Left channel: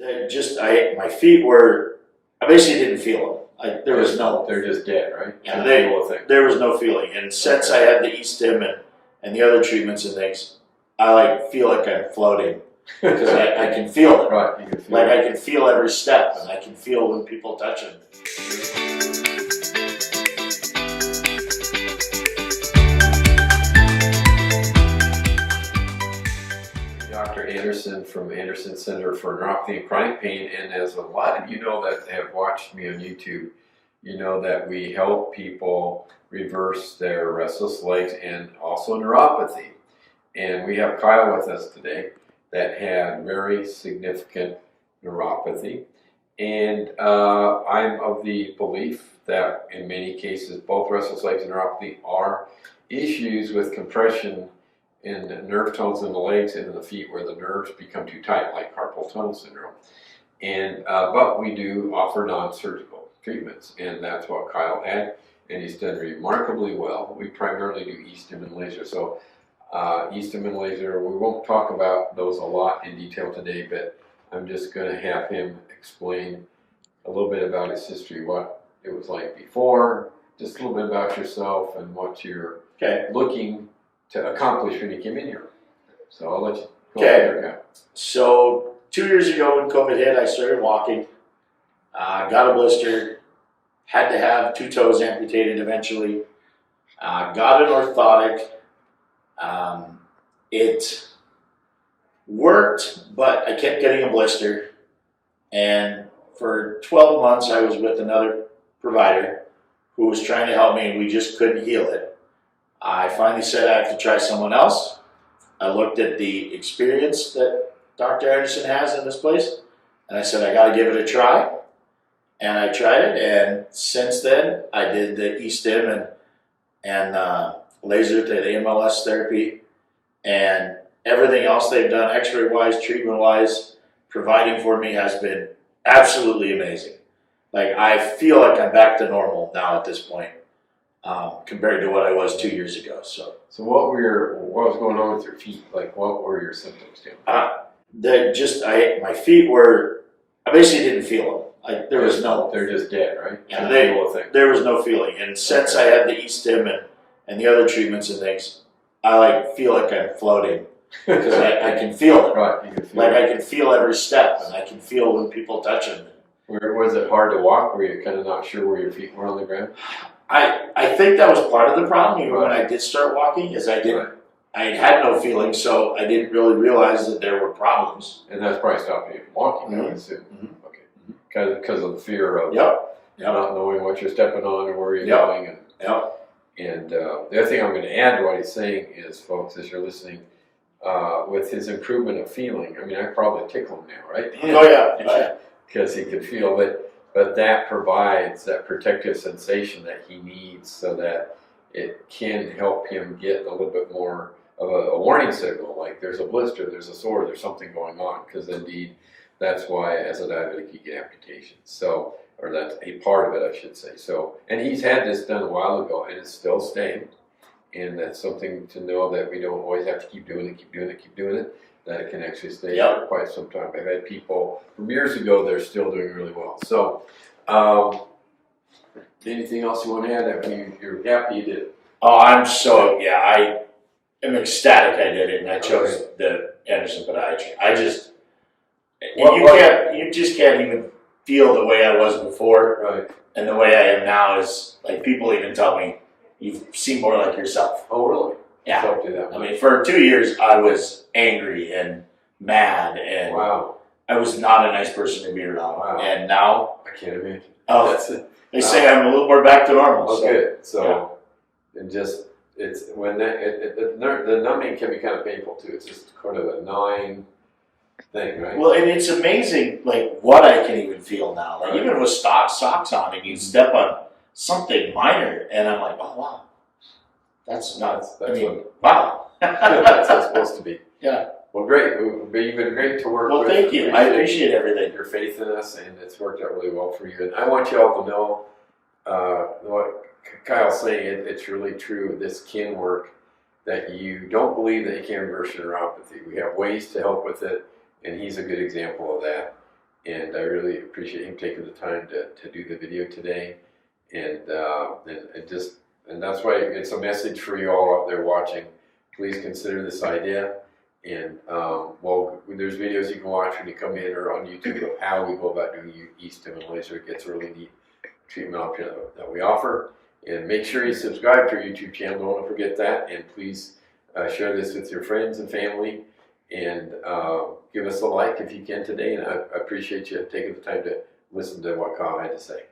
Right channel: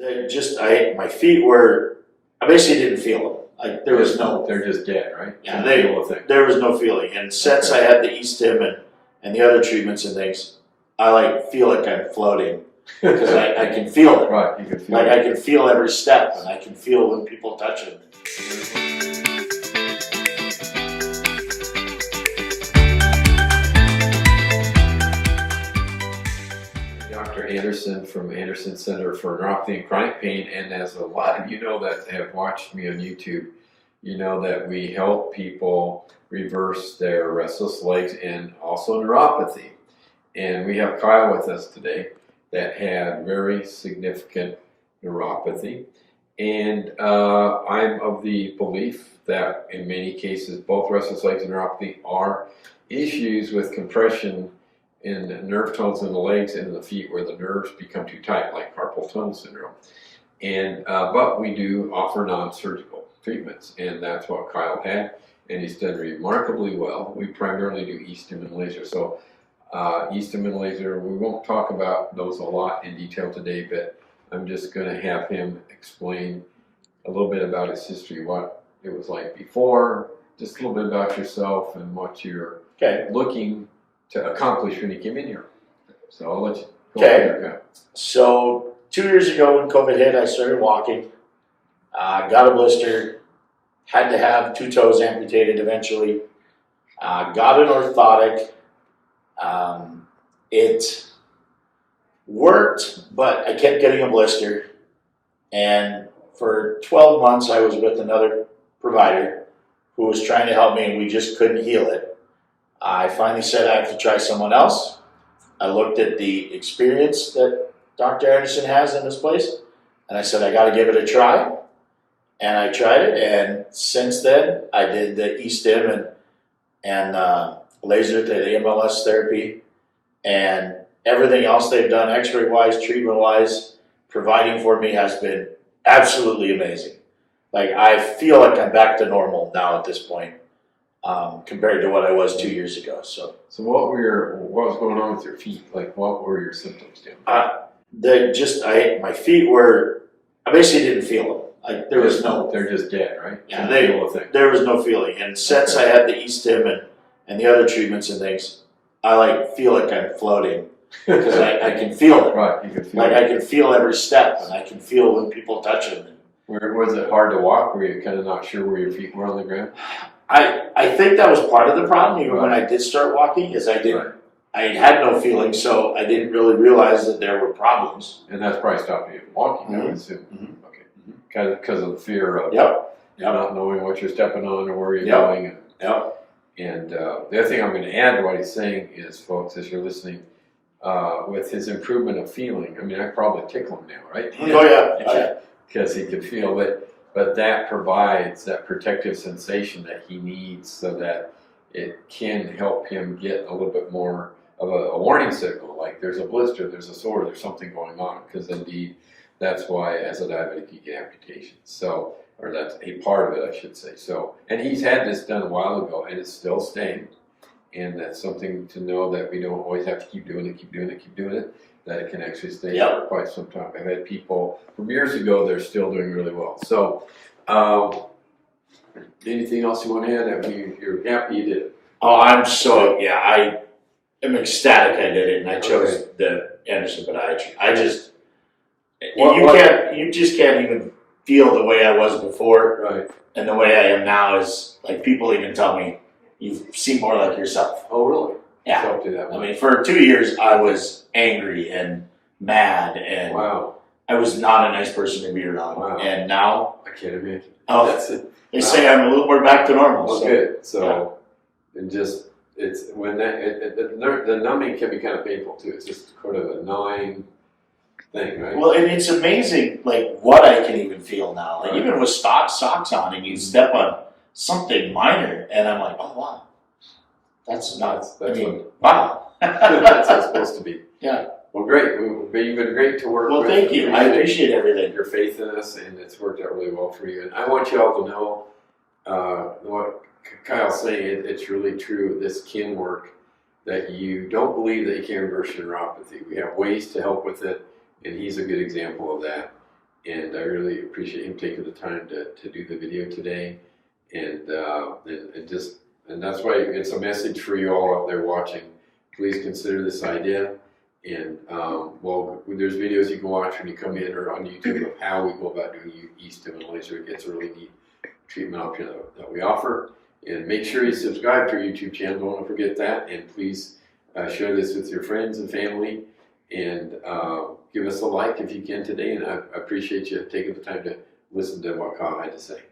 My feet were, I basically didn't feel them. Like there was no, They're just dead, right? yeah, There was no feeling. And since I had the Estim and the other treatments and things, I feel like I'm floating because I can feel it. Right, you can feel Like it. I can feel every step, and I can feel when people touch it. Dr. Anderson from Anderson Center for Neuropathy and Chronic Pain, and as a lot of you know that have watched me on YouTube, you know that we help people reverse their restless legs and also neuropathy. And we have Kyle with us today that had very significant neuropathy. And I'm of the belief that in many cases, both restless legs and neuropathy are issues with compression in the nerve tones in the legs and in the feet where the nerves become too tight, like carpal tunnel syndrome. And but we do offer non-surgical treatments, and that's what Kyle had, and he's done remarkably well. We primarily do Estim and laser. So Estim and laser, we won't talk about those a lot in detail today, but I'm just going to have him explain a little bit about his history, what it was like before, just a little bit about yourself and what you're looking to accomplish when you came in here. So I'll let you go ahead. So 2 years ago when COVID hit, I started walking, got a blister, had to have 2 toes amputated eventually, got an orthotic. It worked, but I kept getting a blister. And for 12 months, I was with another provider who was trying to help me, and we just couldn't heal it. I finally said I have to try someone else. I looked at the experience that Dr. Anderson has in this place, and I said I got to give it a try. And I tried it, and since then I did the Estim and laser, the AMLS therapy, and everything else they've done, X-ray wise, treatment wise, providing for me has been absolutely amazing. Like I feel like I'm back to normal now at this point. Compared to what I was 2 years ago. So what was going on with your feet? Like what were your symptoms, Tim? My feet were, I basically didn't feel them. Like there was no, they're just dead, right? Yeah, there was no feeling. And since I had the Estim and the other treatments and things, I feel like I'm floating because I can feel it. Right, you can feel like it. I can feel every step, and I can feel when people touch them. Was it hard to walk? Were you kind of not sure where your feet were on the ground? I think that was part of the problem, even when I did start walking, is I had no feeling, so I didn't really realize that there were problems. And that's probably stopping you from walking, I would assume. Okay. Because of the fear of not knowing what you're stepping on or where you're going. And the other thing I'm going to add to what he's saying is, folks, as you're listening, with his improvement of feeling, I mean, I probably tickle him now, right? Oh, yeah. Because he could feel it. But that provides that protective sensation that he needs so that it can help him get a little bit more of a warning signal, like there's a blister, there's a sore, there's something going on. Because indeed, that's why as a diabetic you get amputations. So, or that's a part of it, I should say. So, and he's had this done a while ago, and it's still staying. And that's something to know that we don't always have to keep doing it. That it can actually stay for quite some time. I've had people from years ago, they're still doing really well. So, anything else you want to add? You're happy you did it? Oh, I'm I am ecstatic I did it, and I chose the Anderson podiatry. You just can't even feel the way I was before, right? And the way I am now is like people even tell me you seem more like yourself. Oh, really? Yeah. Don't do that. I mean, for 2 years, I was angry and mad, and I was not a nice person to be around. Wow. And now, I can't imagine. Oh, that's it. They say I'm a little more back to normal. Oh, good. So, it's when the numbing can be kind of painful too. It's just kind of a gnawing thing, right? Well, and it's amazing, like what I can even feel now. Like even with socks on, and you step on something minor, and I'm like, oh wow. That's nuts. Wow. That's how it's supposed to be. Yeah. Well, great. You've been great to work with. Well, thank you. I appreciate everything. Your faith in us, and it's worked out really well for you. And I want you all to know what Kyle's saying. It's really true. This can work. That you don't believe that you can reverse your neuropathy. We have ways to help with it, and he's a good example of that. and I really appreciate him taking the time to do the video today. And that's why it's a message for you all out there watching. Please consider this idea. And well, there's videos you can watch when you come in or on YouTube of how we go about doing Estim and laser. It gets a really neat treatment option that we offer. And make sure you subscribe to our YouTube channel. Don't want to forget that. And please share this with your friends and family. And give us a like if you can today. And I appreciate you taking the time to listen to what Kyle had to say.